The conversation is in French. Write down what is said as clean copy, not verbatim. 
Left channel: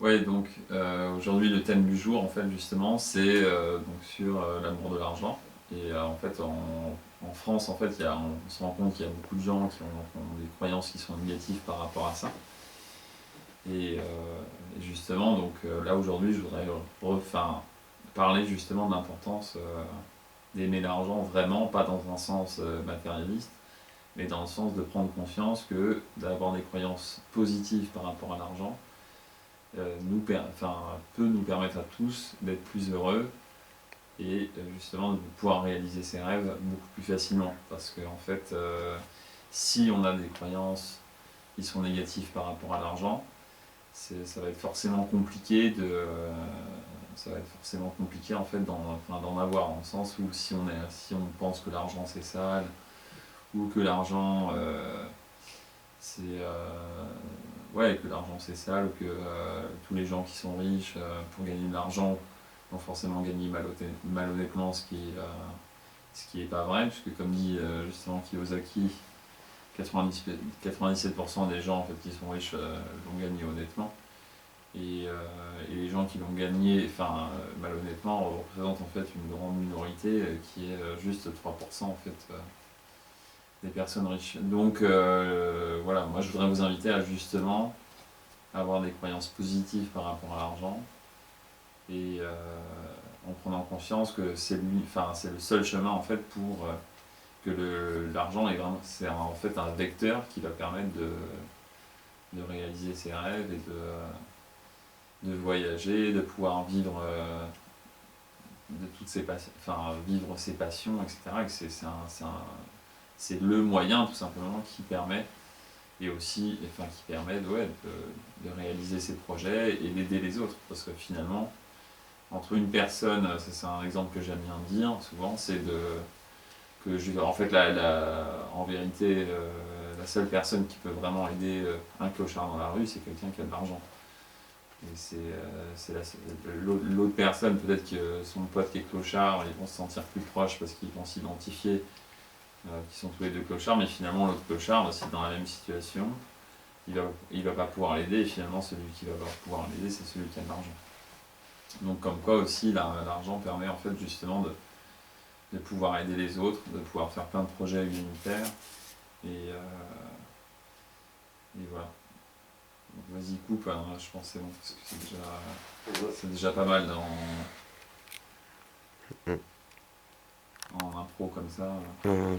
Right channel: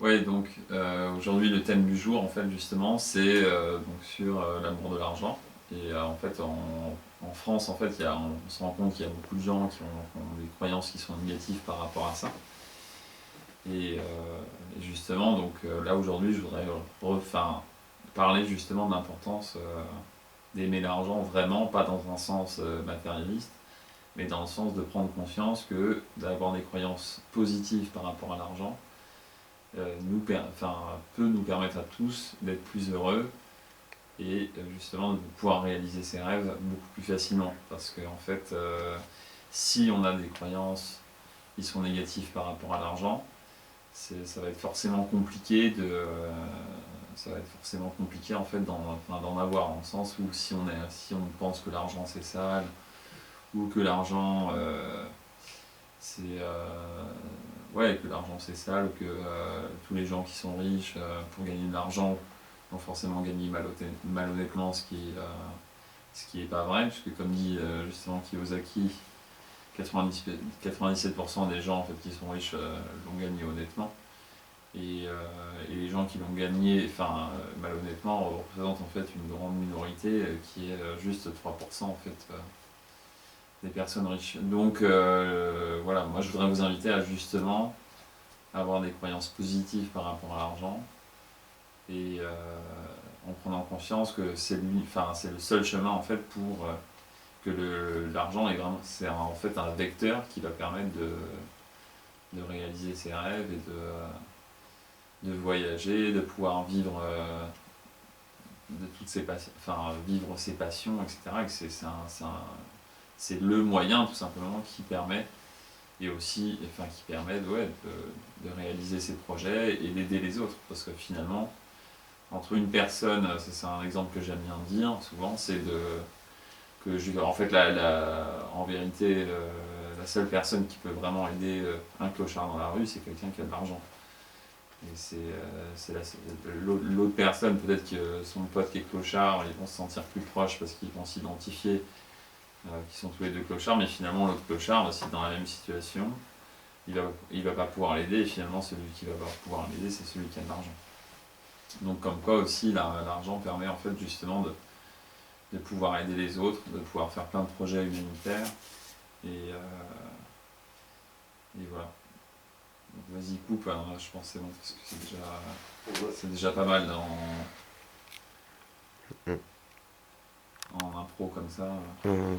Ouais, donc aujourd'hui le thème du jour en fait justement c'est donc sur l'amour de l'argent et en fait en France en fait on se rend compte qu'il y a beaucoup de gens qui ont des croyances qui sont négatives par rapport à ça et justement donc là aujourd'hui je voudrais parler justement de l'importance d'aimer l'argent vraiment pas dans un sens matérialiste mais dans le sens de prendre conscience que d'avoir des croyances positives par rapport à l'argent peut nous permettre à tous d'être plus heureux et justement de pouvoir réaliser ses rêves beaucoup plus facilement. Parce que en fait, si on a des croyances qui sont négatives par rapport à l'argent, ça va être forcément compliqué ça va être forcément compliqué en fait d'en avoir, dans le sens où si on pense que l'argent c'est sale ou que l'argent que l'argent c'est sale, ou que tous les gens qui sont riches pour gagner de l'argent vont forcément gagner malhonnêtement, ce qui est pas vrai, puisque comme dit justement Kiyosaki, 97% des gens en fait, qui sont riches l'ont gagné honnêtement. Et les gens qui l'ont gagné malhonnêtement représentent en fait une grande minorité qui est juste 3% en fait, des personnes riches. Donc voilà, moi je voudrais vous inviter à justement avoir des croyances positives par rapport à l'argent et en prenant conscience que c'est le seul chemin en fait pour que l'argent est vraiment en fait un vecteur qui va permettre de réaliser ses rêves et de voyager, de pouvoir vivre de toutes ses vivre ses passions, etc. Et que c'est le moyen tout simplement qui permet et aussi qui permet de réaliser ses projets et d'aider les autres. Parce que finalement, entre une personne, c'est un exemple que j'aime bien dire souvent, en fait, en vérité, la seule personne qui peut vraiment aider un clochard dans la rue, c'est quelqu'un qui a de l'argent. Et l'autre personne, peut-être que son pote qui est clochard, ils vont se sentir plus proches parce qu'ils vont s'identifier, qui sont tous les deux clochards, mais finalement l'autre clochard, aussi dans la même situation, il va pas pouvoir l'aider, et finalement celui qui va pouvoir l'aider, c'est celui qui a de l'argent. Donc comme quoi aussi l'argent permet en fait justement de pouvoir aider les autres, de pouvoir faire plein de projets humanitaires, et, et voilà. Donc vas-y coupe, hein, je pense que c'est bon, parce que c'est déjà pas mal en impro comme ça. Non, non,